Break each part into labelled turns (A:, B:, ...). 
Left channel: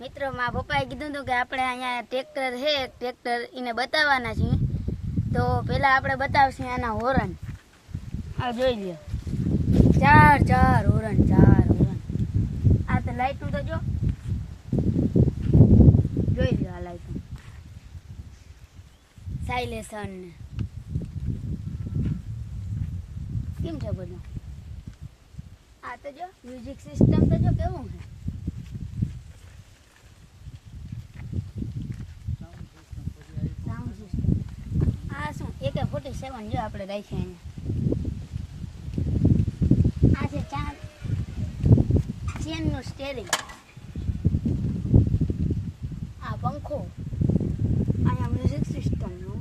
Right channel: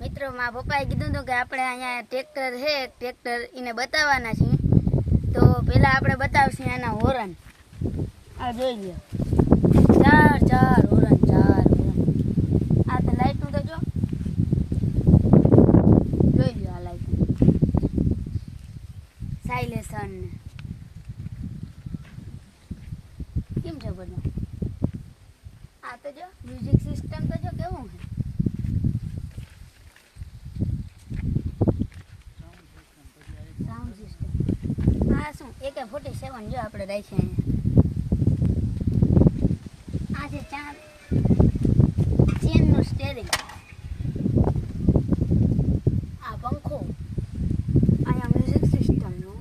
A: મિત્રો, મારા પપ્પાએ કીધું હતું કે આપણે અહીંયા ટ્રેક્ટર છે, ટ્રેક્ટર એને બતાવવાના છીએ. તો પહેલાં આપણે બતાવશું આના હોરન. આ જોઈ લ્યો. ચાર ચાર હોરન ચાર હોરન. આ તો લાઇટનું તો જો. જોઈ લ્યો આ લાઇટનું સાયલેશન કેમ છે બધું? આ તો જો મ્યુઝિક સિસ્ટમ તો જો કેવું છે sound system AK forty seven જો આપણે રાખીએ અહીંયા આ છે ચાર. ચેનનું સ્ટેરિંગ આ પંખો. અહીંયા મ્યુઝિક સિસ્ટમનું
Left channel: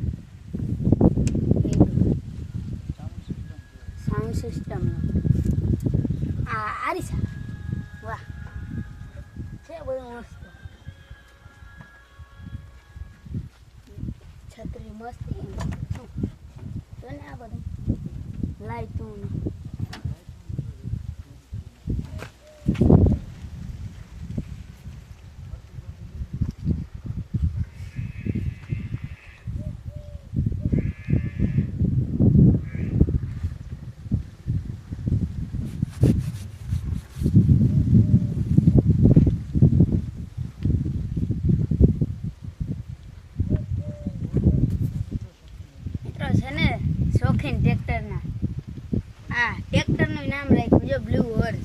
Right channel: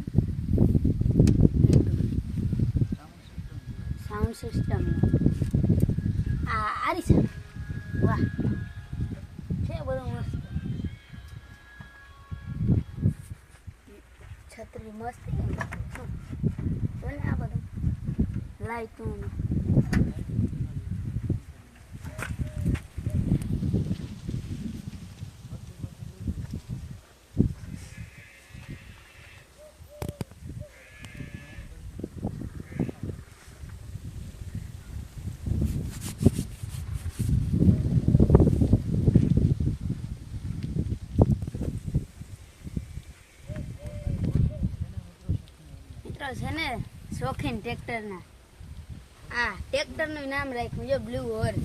A: સાઉન્ડ સિસ્ટમનું આ આરી છે વાહ. શું તો ને આ બધું. લાઈટું મિત્રો છે ને શોખીન ટ્રેક્ટરના. આ ટ્રેક્ટરનું નામ રાખ્યું છે બ્લુ હોર્સ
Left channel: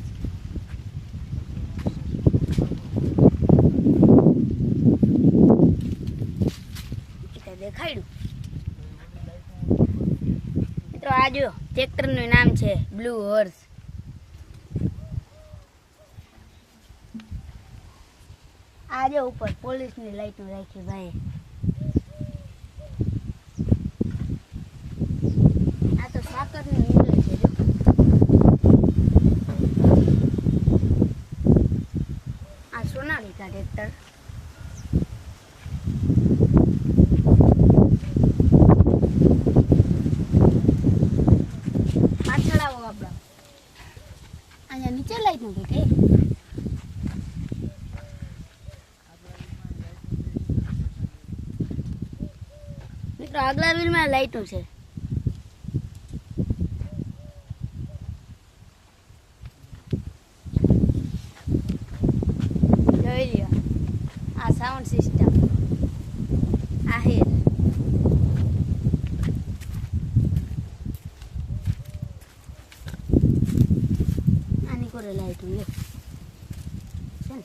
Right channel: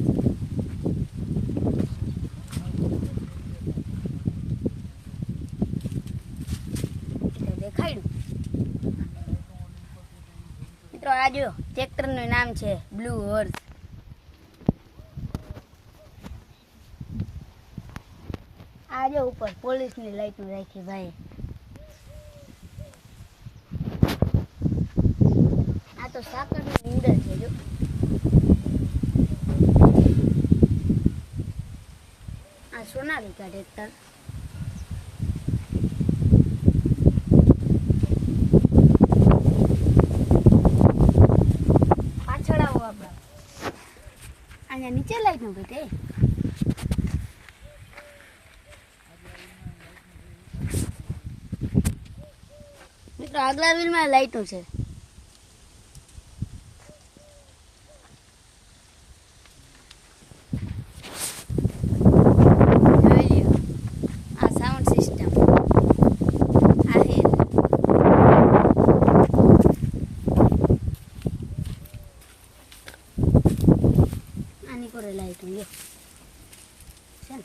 A: દેખાડ્યું. મિત્રો, આ ટ્રેક્ટરનું નામ છે બ્લુ હોર્સ આ ઉપર પોલીસની લાઈટનું રાખી ભાઈ. નીંદર છે આ સોનાલિકા ટ્રેક્ટર. પાછળ આવો અહીંયા નીચે લાઈટનું મિત્રો, આગલા વ્હીલમાં લાઈટો છે જોઈ લ્યો આ સાઉન્ડ સિસ્ટમ આ હિલ કોરે લાઈટ હોય છે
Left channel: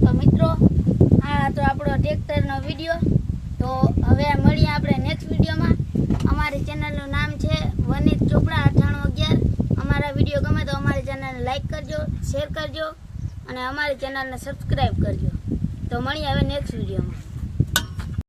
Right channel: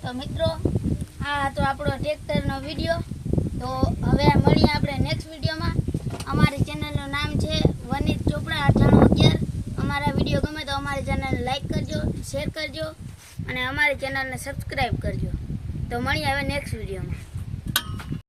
A: તો મિત્રો, આ તો આપણો ટ્રેક્ટરનો વીડિયો. તો હવે મળીએ આપણે નેક્સ્ટ વિડીયોમાં. અમારી ચેનલનું નામ છે વનિત ચોપડા અઠાણું અગિયાર. અમારા વીડિયો ગમે તો અમારી ચેનલને લાઈક કરજો શેર કરજો, અને અમારી ચેનલને સબસ્ક્રાઈબ કરજો. તો મળીએ હવે નેક્સ્ટ વિડીયોમાં